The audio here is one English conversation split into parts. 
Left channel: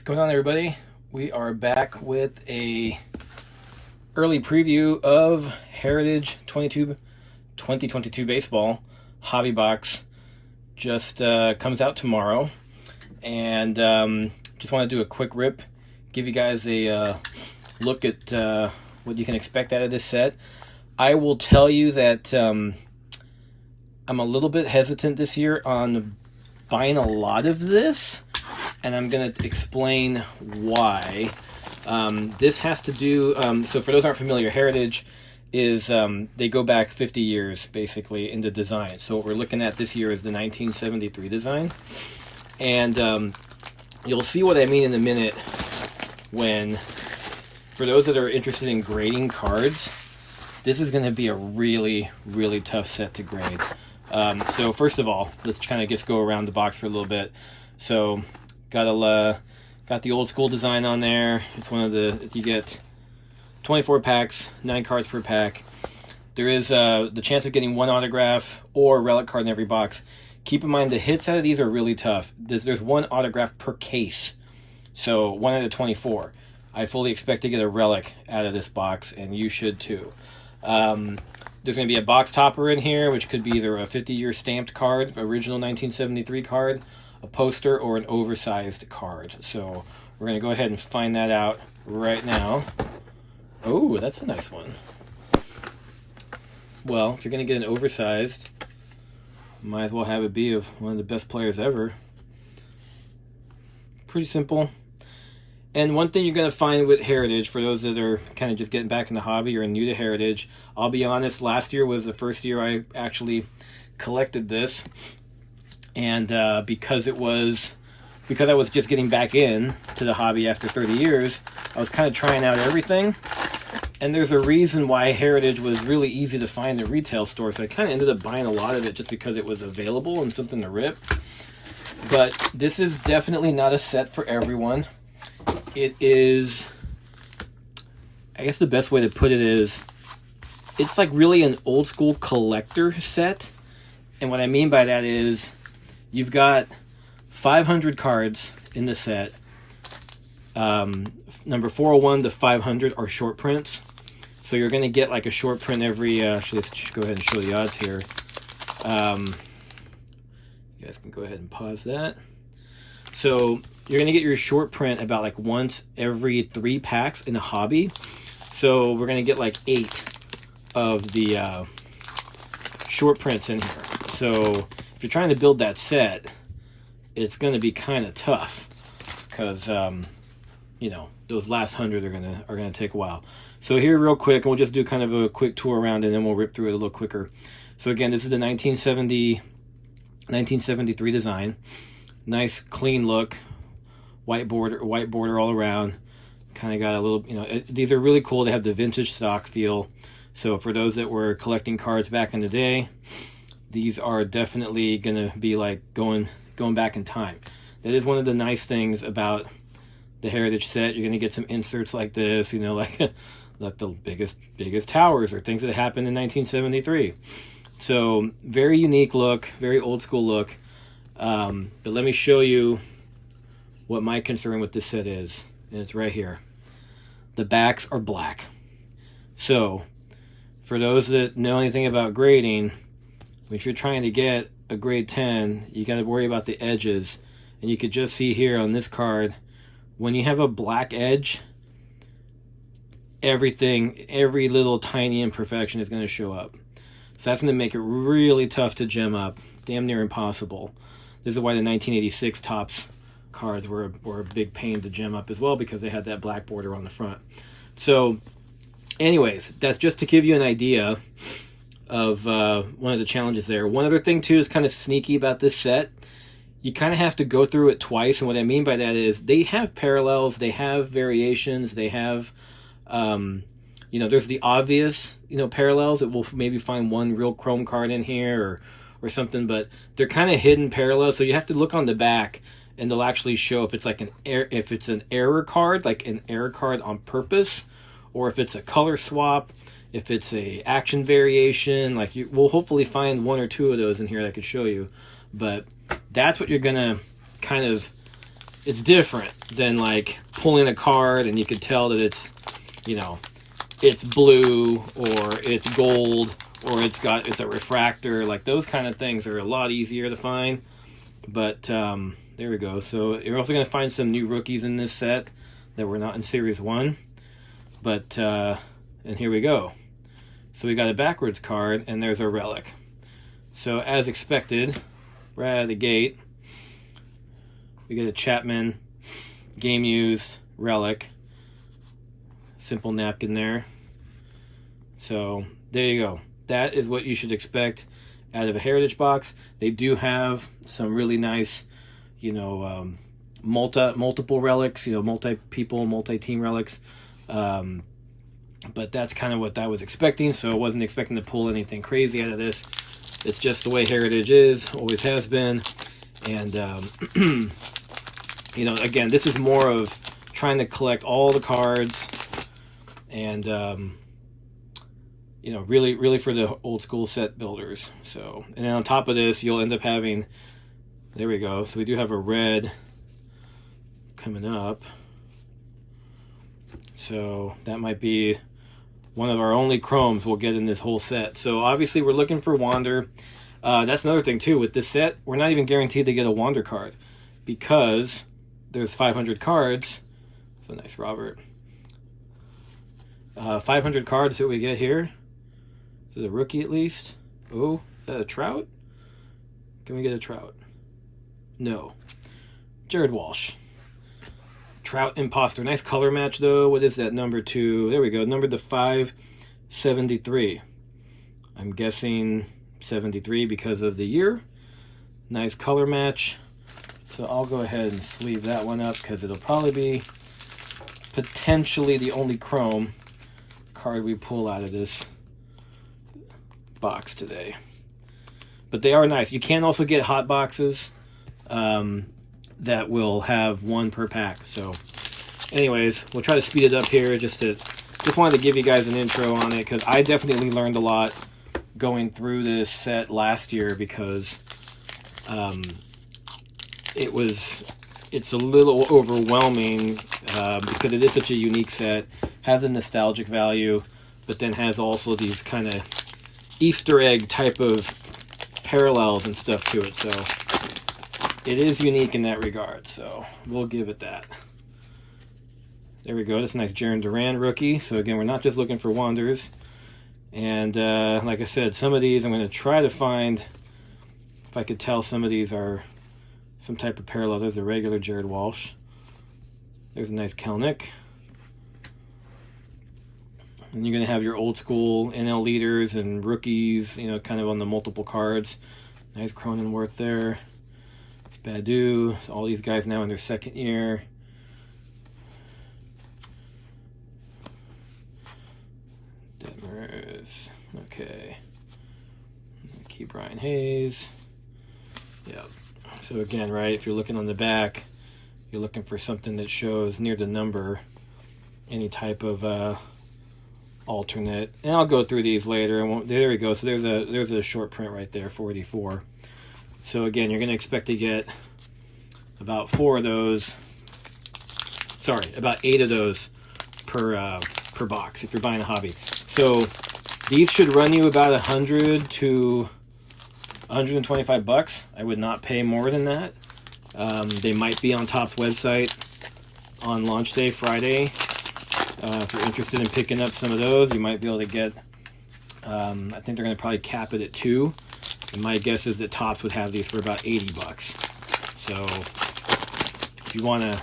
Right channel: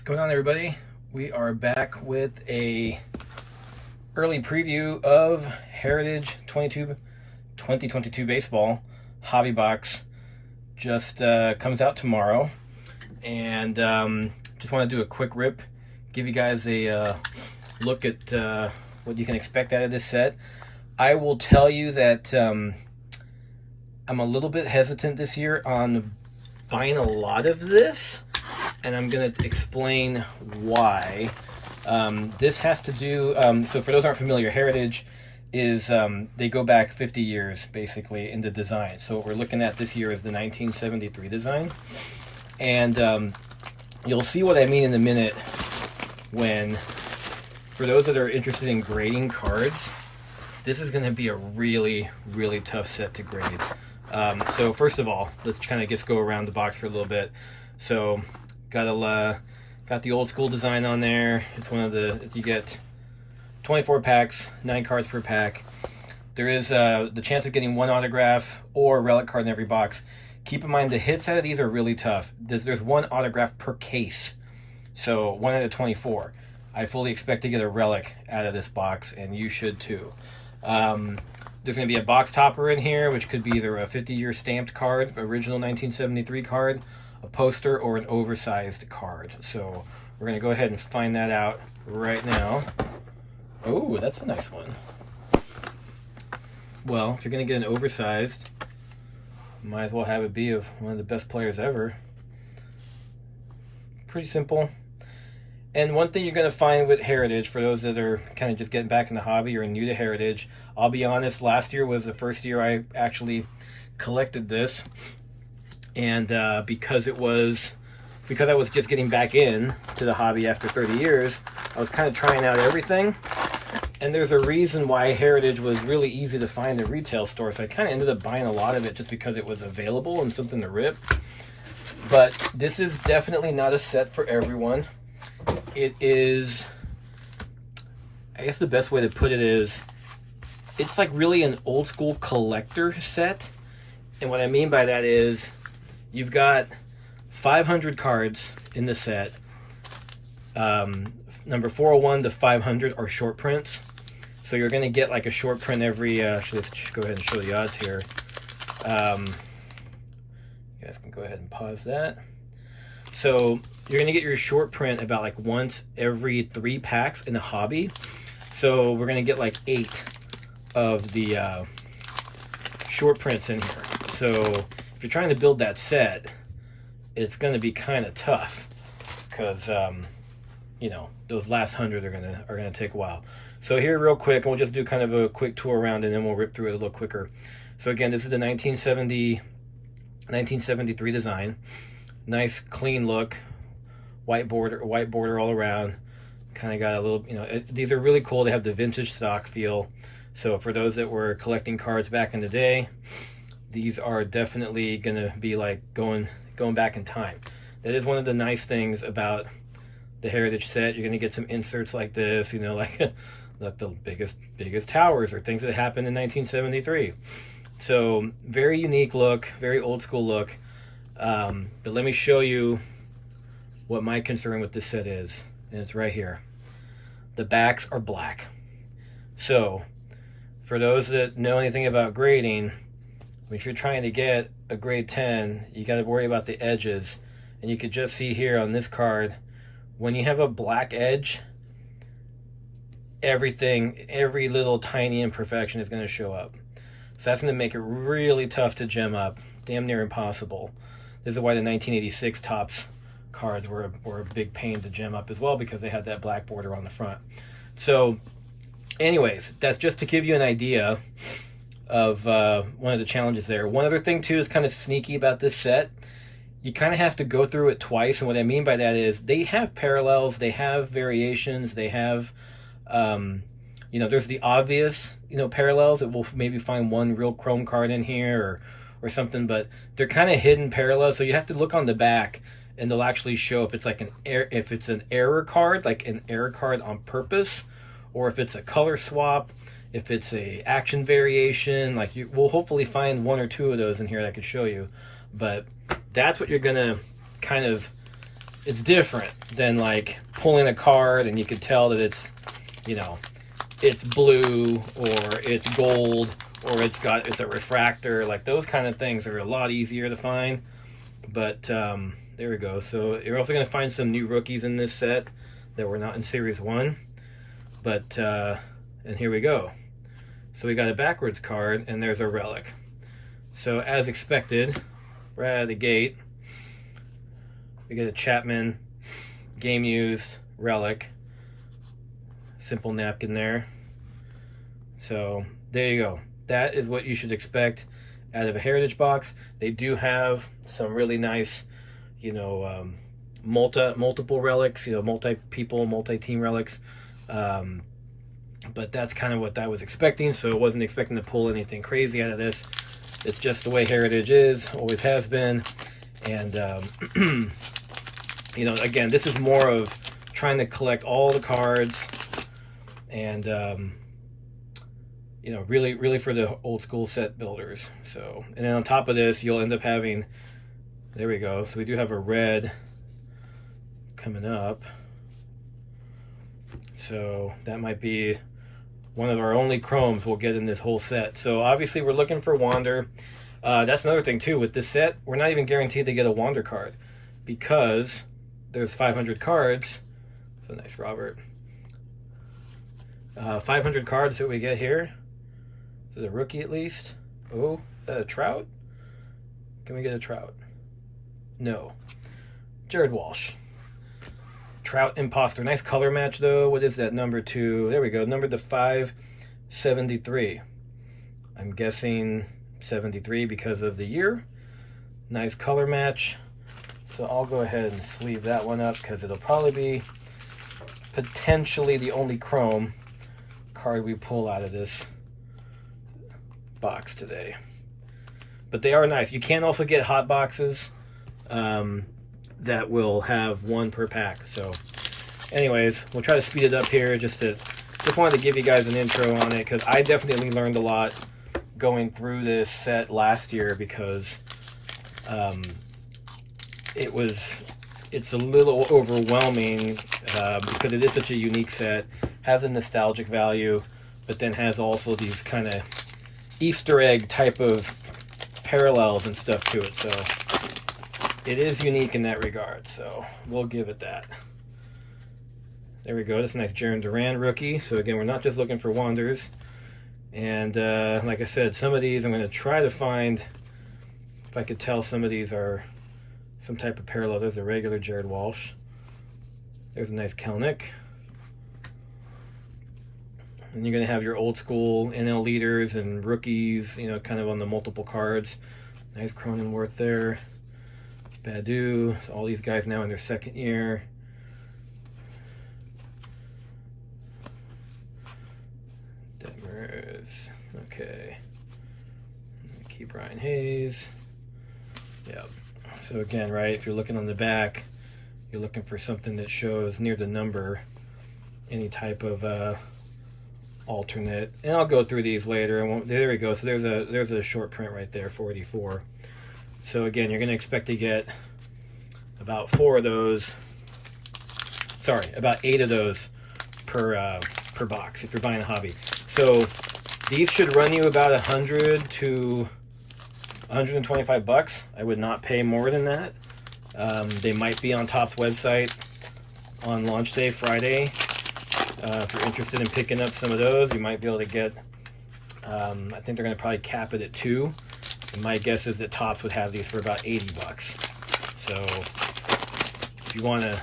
What's going on, everybody? We are back with a early preview of Heritage 2022 baseball hobby box. Just comes out tomorrow, and just want to do a quick rip, give you guys a look at what you can expect out of this set. I will tell you that I'm a little bit hesitant this year on buying a lot of this, and I'm going to explain why. This has to do, so for those who aren't familiar, Heritage is, they go back 50 years, basically, in the design. So what we're looking at this year is the 1973 design. And you'll see what I mean in a minute when, for those that are interested in grading cards, this is going to be a really, really tough set to grade. So first of all, let's kind of just go around the box for a little bit. So got the old school design on there. It's one of the, you get 24 packs, 9 cards per pack. There is the chance of getting one autograph or relic card in every box. Keep in mind the hits out of these are really tough. There's one autograph per case, so 1 out of 24. I fully expect to get a relic out of this box, and you should too. There's going to be a box topper in here, which could be either a 50-year stamped card, original 1973 card, a poster, or an oversized card. So we're going to go ahead and find that out right now. Oh, that's a nice one. Well, if you're going to get an oversized, might as well have it be of one of the best players ever. Pretty simple. And one thing you're going to find with Heritage, for those that are kind of just getting back in the hobby or new to Heritage, I'll be honest, last year was the first year I actually collected this. And because I was just getting back in to the hobby after 30 years, I was kind of trying out everything. And there's a reason why Heritage was really easy to find in retail stores. So I kind of ended up buying a lot of it just because it was available and something to rip. But this is definitely not a set for everyone. It is, I guess the best way to put it is, it's like really an old school collector set. And what I mean by that is, you've got 500 cards in the set. Number 401 to 500 are short prints. So you're going to get like a short print every, let's go ahead and show the odds here. You guys can go ahead and pause that. So you're going to get your short print about like once every 3 packs in the hobby. So we're going to get like 8 of the short prints in here. So if you're trying to build that set, it's going to be kind of tough because you know, those last 100 are gonna take a while. So here, real quick, we'll just do kind of a quick tour around, and then we'll rip through it a little quicker. So again, this is the 1973 design. Nice, clean look, white border all around. Kind of got a little, you know, these are really cool. They have the vintage stock feel. So for those that were collecting cards back in the day, these are definitely gonna be like going back in time. That is one of the nice things about the Heritage set. You're gonna get some inserts like this, you know, like the biggest towers or things that happened in 1973. So very unique look, very old school look. But let me show you what my concern with this set is, and it's right here. The backs are black. So for those that know anything about grading, if you're trying to get a grade 10, you got to worry about the edges. And you could just see here on this card, when you have a black edge, every little tiny imperfection is going to show up. So that's going to make it really tough to gem up, damn near impossible. This is why the 1986 Topps cards were a big pain to gem up as well, because they had that black border on the front. So anyways, that's just to give you an idea of one of the challenges there. One other thing too is kind of sneaky about this set. You kind of have to go through it twice, and what I mean by that is they have parallels, they have variations, they have, you know, there's the obvious, you know, parallels that we'll maybe find one real chrome card in here or something, but they're kind of hidden parallels, so you have to look on the back, and they'll actually show if it's like if it's an error card, like an error card on purpose, or if it's a color swap, if it's a action variation. Like we'll hopefully find 1 or 2 of those in here that I could show you, but that's what you're gonna kind of it's different than like pulling a card and you could tell that it's, you know, it's blue or it's gold or it's a refractor. Like those kind of things are a lot easier to find. But there we go. So you're also going to find some new rookies in this set that were not in Series 1. But, and here we go. So we got a backwards card and there's a relic. So as expected, right out of the gate, we get a Chapman game used relic. Simple napkin there. So there you go. That is what you should expect out of a Heritage box. They do have some really nice, you know, multiple relics, you know, multi-people, multi-team relics. But that's kind of what I was expecting, so I wasn't expecting to pull anything crazy out of this. It's just the way Heritage is, always has been. And, you know, again, this is more of trying to collect all the cards and, you know, really for the old school set builders. So, and then on top of this, you'll end up having, there we go. So we do have a red coming up. So that might be one of our only chromes we'll get in this whole set. So obviously we're looking for Wander. That's another thing too with this set. We're not even guaranteed to get a Wander card because there's 500 cards. That's a nice Robert. 500 cards that we get here. Is it a rookie at least? Oh, is that a Trout? Can we get a Trout? No. Jared Walsh. Trout Imposter. Nice color match though. What is that? Number 2. There we go. Number to 573. I'm guessing 73 because of the year. Nice color match. So I'll go ahead and sleeve that one up because it'll probably be potentially the only chrome card we pull out of this box today. But they are nice. You can also get hot boxes that will have one per pack. So anyways, we'll try to speed it up here just wanted to give you guys an intro on it because I definitely learned a lot going through this set last year because it's a little overwhelming because it is such a unique set, has a nostalgic value, but then has also these kind of Easter egg type of parallels and stuff to it. So it is unique in that regard, so we'll give it that. There we go. That's a nice Jaron Duran rookie. So again, we're not just looking for Wanders. And like I said, some of these I'm going to try to find, if I could tell some of these are some type of parallel. There's a regular Jared Walsh. There's a nice Kelnick. And you're going to have your old school NL leaders and rookies, you know, kind of on the multiple cards. Nice Cronenworth there. Badu, so all these guys now in their second year. Detmers, okay. Key Brian Hayes. Yeah. So again, right, if you're looking on the back, you're looking for something that shows near the number any type of alternate. And I'll go through these later. And there we go. So there's a short print right there, 484. So again, you're going to expect to get about 4 of those. Sorry, about 8 of those per box if you're buying a hobby. So these should run you about 100 to 125 bucks. I would not pay more than that. They might be on Topps website on launch day Friday. If you're interested in picking up some of those, you might be able to get. I think they're going to probably cap it at 2. And my guess is that Topps would have these for about 80 bucks. So if you want to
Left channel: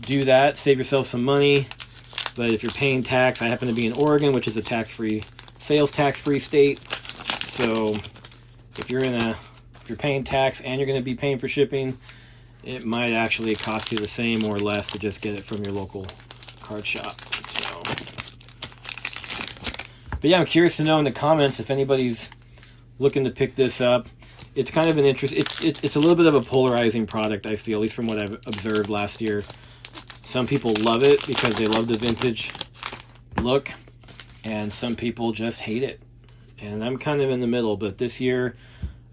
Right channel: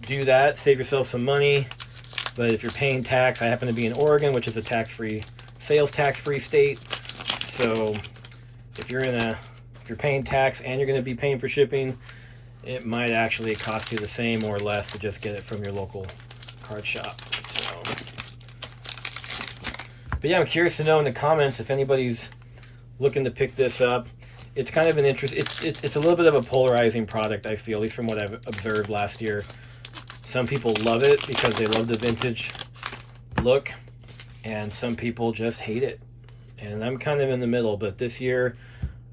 do that, save yourself some money. But if you're paying tax, I happen to be in Oregon, which is a tax-free, sales tax-free state. So if you're paying tax and you're going to be paying for shipping, it might actually cost you the same or less to just get it from your local card shop. So, but yeah, I'm curious to know in the comments if anybody's looking to pick this up. It's kind of an interest. It's a little bit of a polarizing product, I feel, at least from what I've observed last year. Some people love it because they love the vintage look, and some people just hate it. And I'm kind of in the middle. But this year,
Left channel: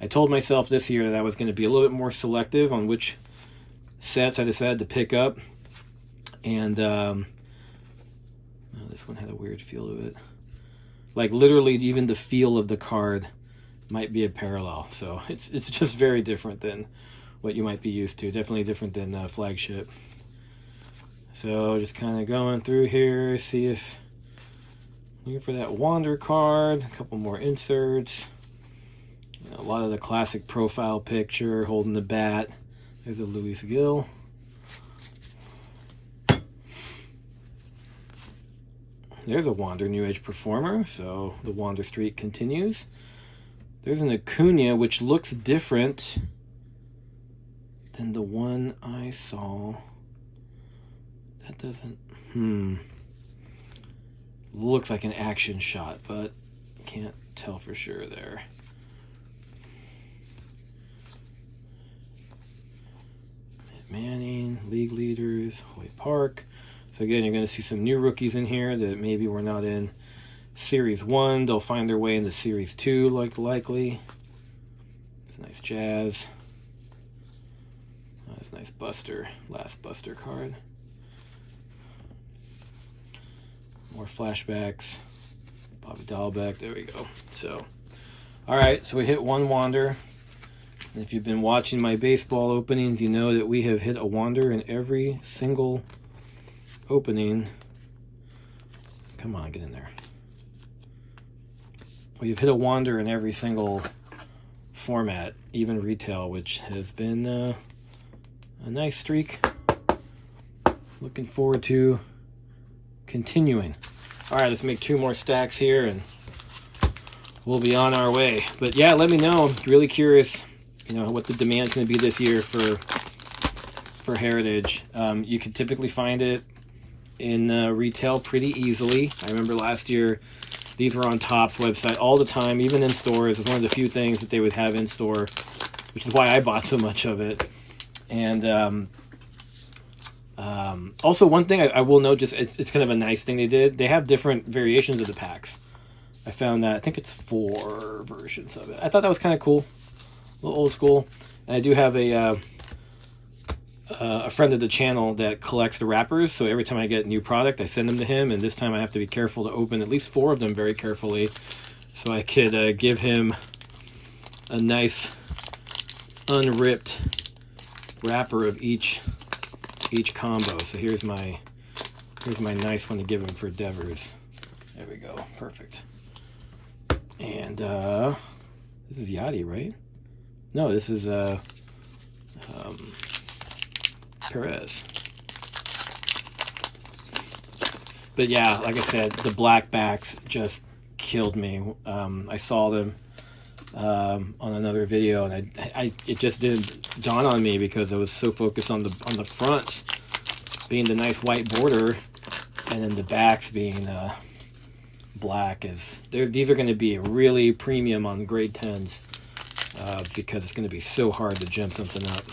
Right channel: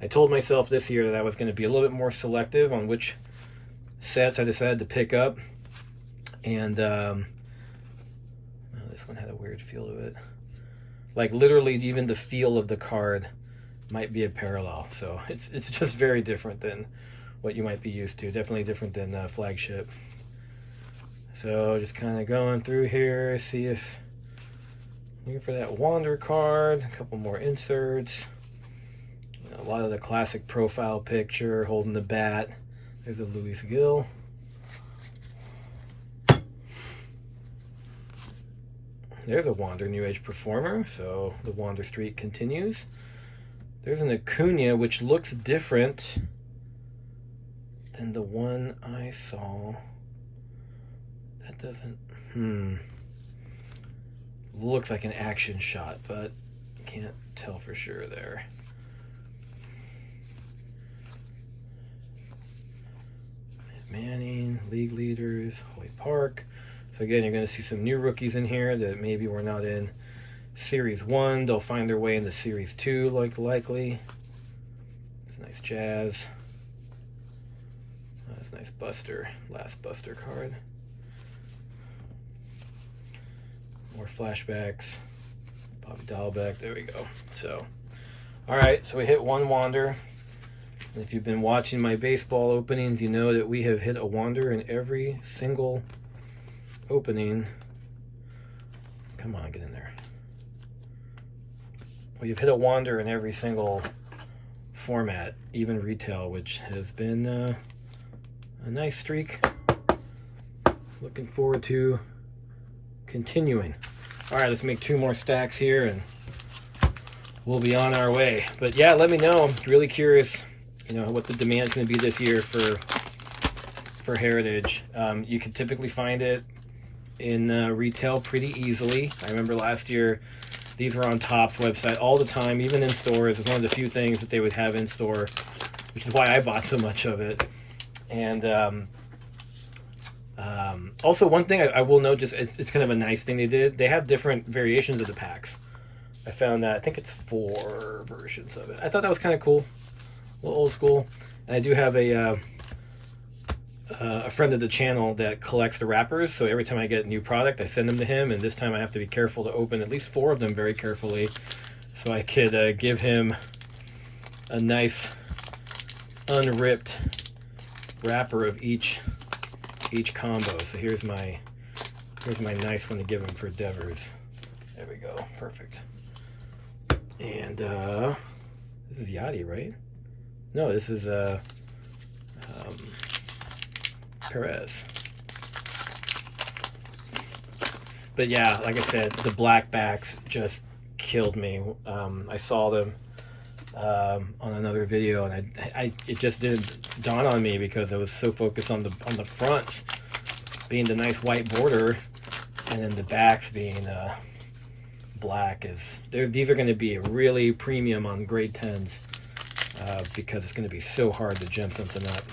I told myself this year that I was going to be a little bit more selective on which sets I decided to pick up. And this one had a weird feel to it. Like literally even the feel of the card might be a parallel. So it's just very different than what you might be used to. Definitely different than the Flagship. So just kind of going through here, see if looking for that Wander card, a couple more inserts. A lot of the classic profile picture, holding the bat. There's a Luis Gil. There's a Wander New Age Performer, so the Wander streak continues. There's an Acuna, which looks different than the one I saw. That doesn't, looks like an action shot, but can't tell for sure there. Manning, league leaders, Hoy Park. So again, you're going to see some new rookies in here that maybe were not in Series 1. They'll find their way into Series 2, likely. It's nice Jazz. That's a nice Buster, last Buster card. More flashbacks. Bobby Dahlbeck, there we go. So, alright, so we hit one Wander. And if you've been watching my baseball openings, you know that we have hit a Wander in every single opening. Come on, get in there. Well, you've hit a Wander in every single format, even retail, which has been a nice streak. Looking forward to continuing. All right, let's make 2 more stacks here and we'll be on our way. But yeah, let me know. Really curious, you know, what the demand's going to be this year for Heritage. You could typically find it in retail pretty easily. I remember last year these were on Topps website all the time, even in stores. It's one of the few things that they would have in store, which is why I bought so much of it. And also one thing I will note, just it's kind of a nice thing they did. They have different variations of the packs. I found that, I think it's 4 versions of it. I thought that was kind of cool, a little old school. And I do have a friend of the channel that collects the wrappers, so every time I get a new product, I send them to him, and this time I have to be careful to open at least 4 of them very carefully, so I could give him a nice unripped wrapper of each combo. So here's my nice one to give him for Devers. There we go, perfect. And this is Yachty, right? No, this is Perez. But yeah, like I said, the black backs just killed me. I saw them on another video, and it just didn't dawn on me because I was so focused on the fronts being the nice white border, and then the backs being black. These are going to be a really premium on grade 10s because it's going to be so hard to gem something up.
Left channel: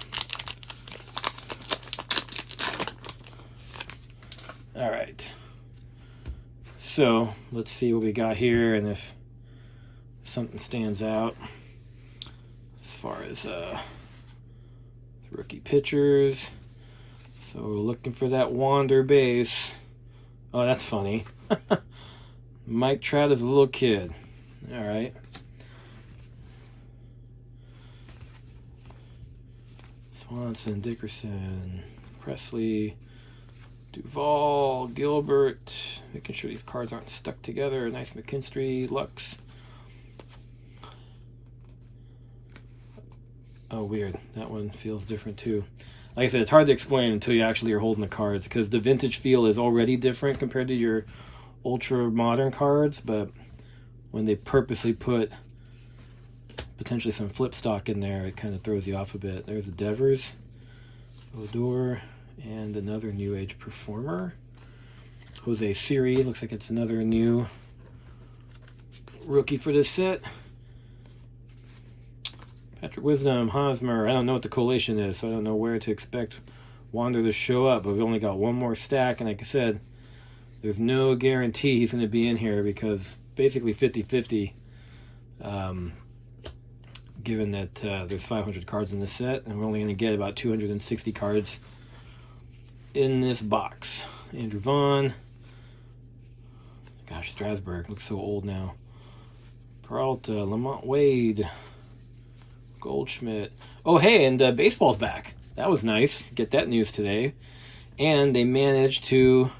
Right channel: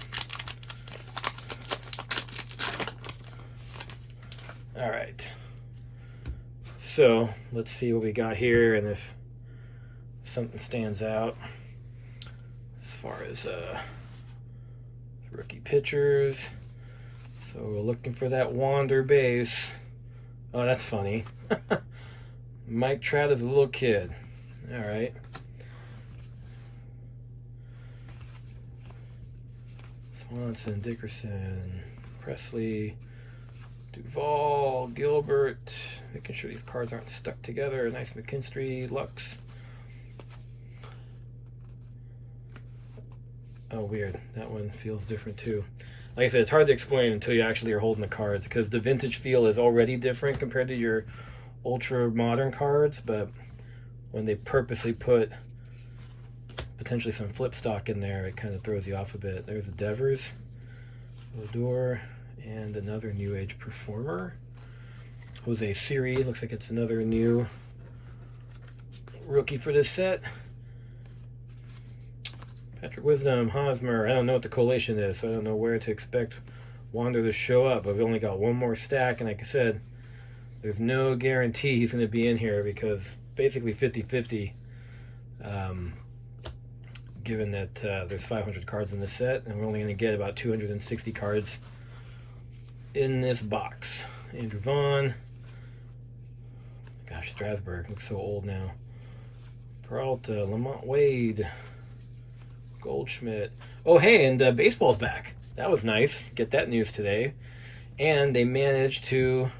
All right, so let's see what we got here, and if something stands out as far as rookie pitchers. So looking for that Wander base. Oh, that's funny. Mike Trout is a little kid. All right. Swanson, Dickerson, Presley, Duvall, Gilbert. Making sure these cards aren't stuck together. Nice McKinstry, Lux. Oh, weird. That one feels different too. Like I said, it's hard to explain until you actually are holding the cards, because the vintage feel is already different compared to your ultra modern cards, but when they purposely put potentially some flip stock in there, it kind of throws you off a bit. There's a Devers, Odor, and another New Age Performer. Jose Siri, looks like it's another new rookie for this set. Patrick Wisdom, Hosmer. I don't know what the collation is, so I don't know where to expect Wander to show up, but we've only got one more stack, and like I said, there's no guarantee he's going to be in here because basically 50-50 given that there's 500 cards in this set, and we're only going to get about 260 cards in this box. Andrew Vaughn. Gosh, Strasburg looks so old now. Peralta, Lamont Wade, Goldschmidt. Oh, hey, and baseball's back. That was nice. Get that news today. And they managed to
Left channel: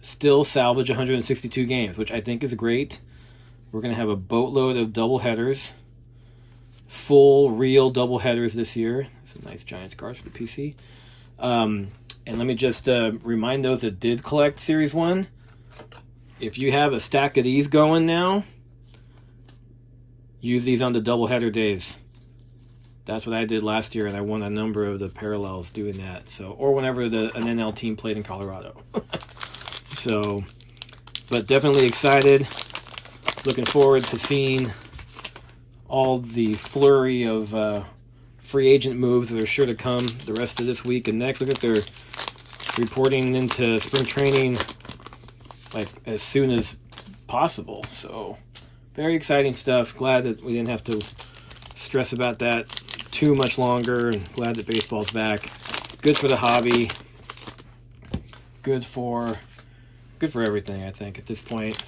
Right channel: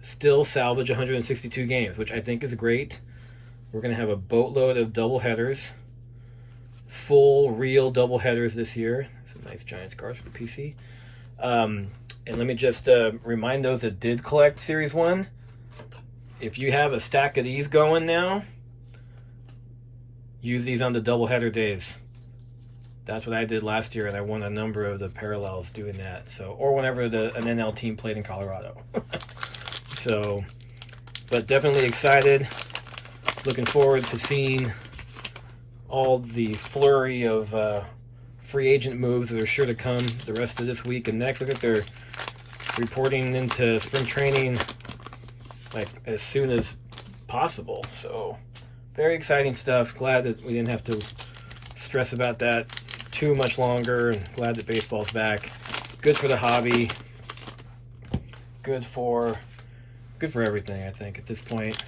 still salvage 162 games, which I think is great. We're going to have a boatload of doubleheaders, full, real doubleheaders this year. Some nice Giants cards for the PC. And let me just remind those that did collect Series 1, if you have a stack of these going now, use these on the doubleheader days. That's what I did last year, and I won a number of the parallels doing that. So, or whenever an NL team played in Colorado. So, but definitely excited. Looking forward to seeing all the flurry of free agent moves that are sure to come the rest of this week and next. I think they're reporting into spring training like as soon as possible. So, very exciting stuff. Glad that we didn't have to stress about that too much longer, and glad that baseball's back. Good for the hobby. Good for everything, I think, at this point.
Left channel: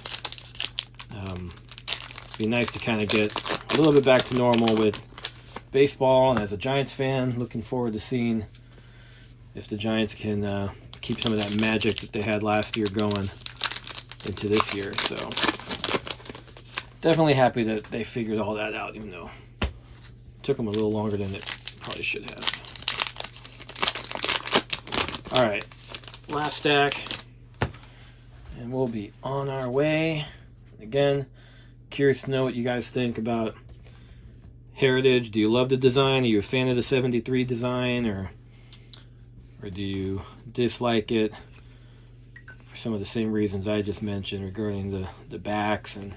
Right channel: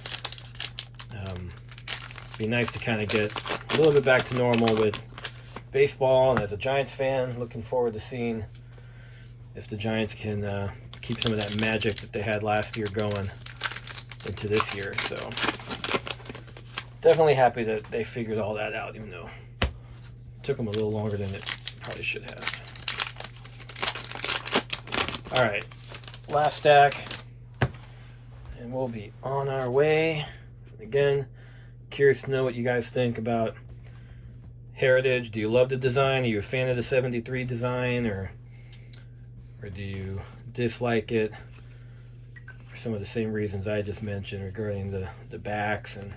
Be nice to kind of get a little bit back to normal with baseball, and as a Giants fan, looking forward to seeing if the Giants can keep some of that magic that they had last year going into this year. So definitely happy that they figured all that out, even though it took them a little longer than it probably should have. All right, last stack, and we'll be on our way. Again, curious to know what you guys think about Heritage. Do you love the design? Are you a fan of the 73 design, or do you dislike it for some of the same reasons I just mentioned regarding the backs, and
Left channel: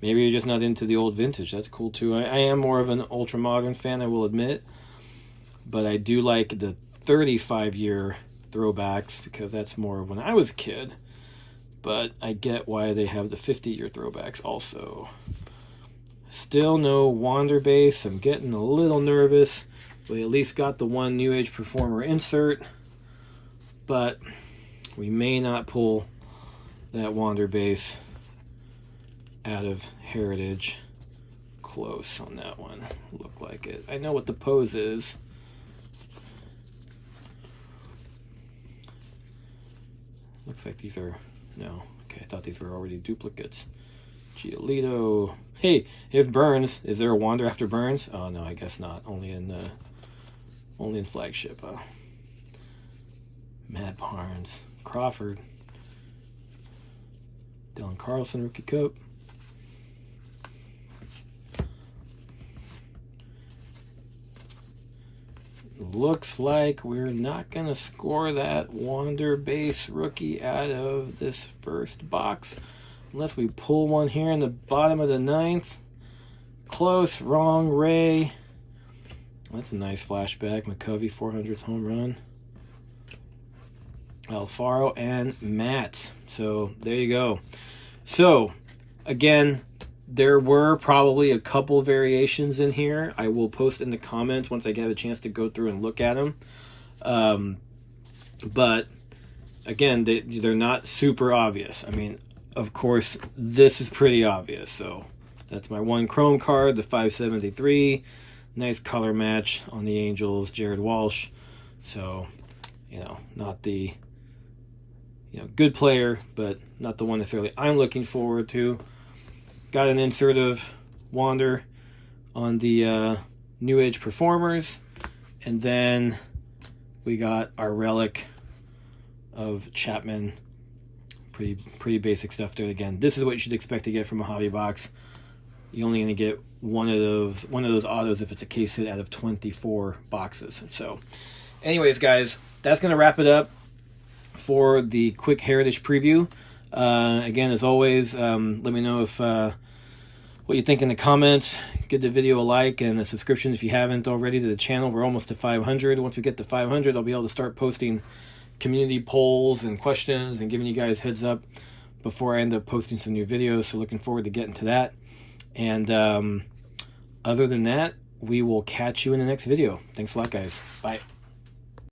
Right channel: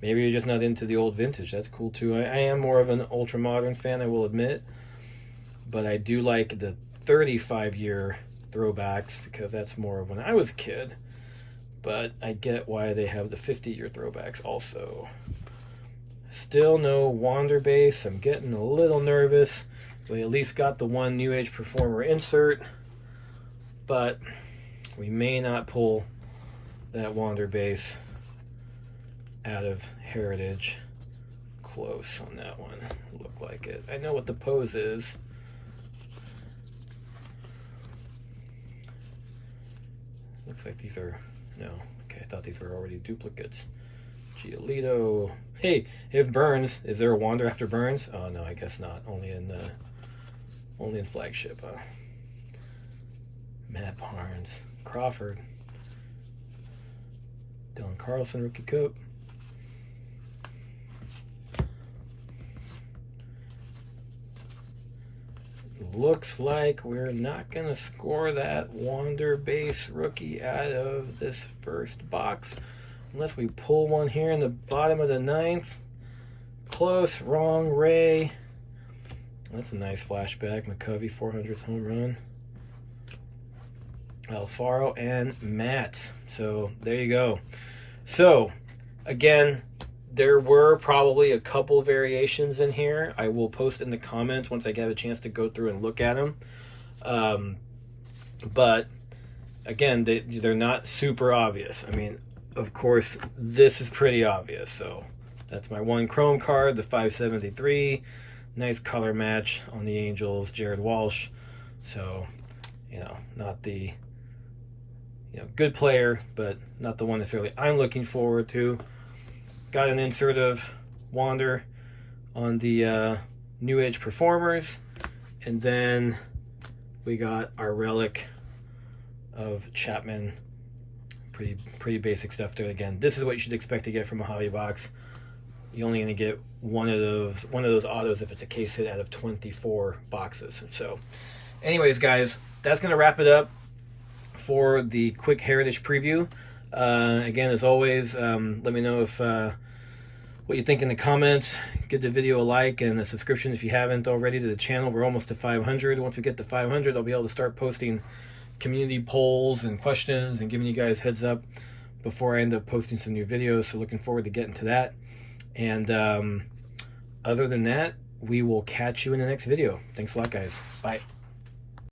maybe you're just not into the old vintage? That's cool too. I am more of an ultra modern fan, I will admit, but I do like the 35-year throwbacks because that's more of when I was a kid. But I get why they have the 50-year throwbacks also. Still no Wander base. I'm getting a little nervous. We at least got the one New Age Performer insert, but we may not pull that Wander base out of Heritage. Close on that one. Look like it. I know what the pose is. Looks like these are... No. Okay, I thought these were already duplicates. Giolito. Hey, here's Burns. Is there a Wander after Burns? Oh, no, I guess not. Only in flagship. Matt Barnes. Crawford. Dylan Carlson, rookie coat. Looks like we're not going to score that Wander base rookie out of this first box unless we pull one here in the bottom of the 9th. Close, wrong, Ray. That's a nice flashback. McCovey, 400th home run. Alfaro and Matt. So there you go. So again, there were probably a couple variations in here. I will post in the comments once I get a chance to go through and look at them. But again, they're not super obvious. I mean, of course, this is pretty obvious. So that's my one Chrome card, the 573. Nice color match on the Angels, Jared Walsh. So, not the good player, but not the one necessarily I'm looking forward to. Got an insert of Wander on the New Age Performers, and then we got our relic of Chapman. Pretty basic stuff there. Again, this is what you should expect to get from a hobby box. You're only going to get one of those autos if it's a case hit out of 24 boxes. And so, anyways, guys, that's going to wrap it up for the quick Heritage preview. Again, as always, let me know if what you think in the comments. Give the video a like and a subscription if you haven't already to the channel. We're almost to 500. Once we get to 500, I'll be able to start posting community polls and questions and giving you guys heads up before I end up posting some new videos. So looking forward to getting to that. And Other than that, we will catch you in the next video. Thanks a lot, guys. Bye.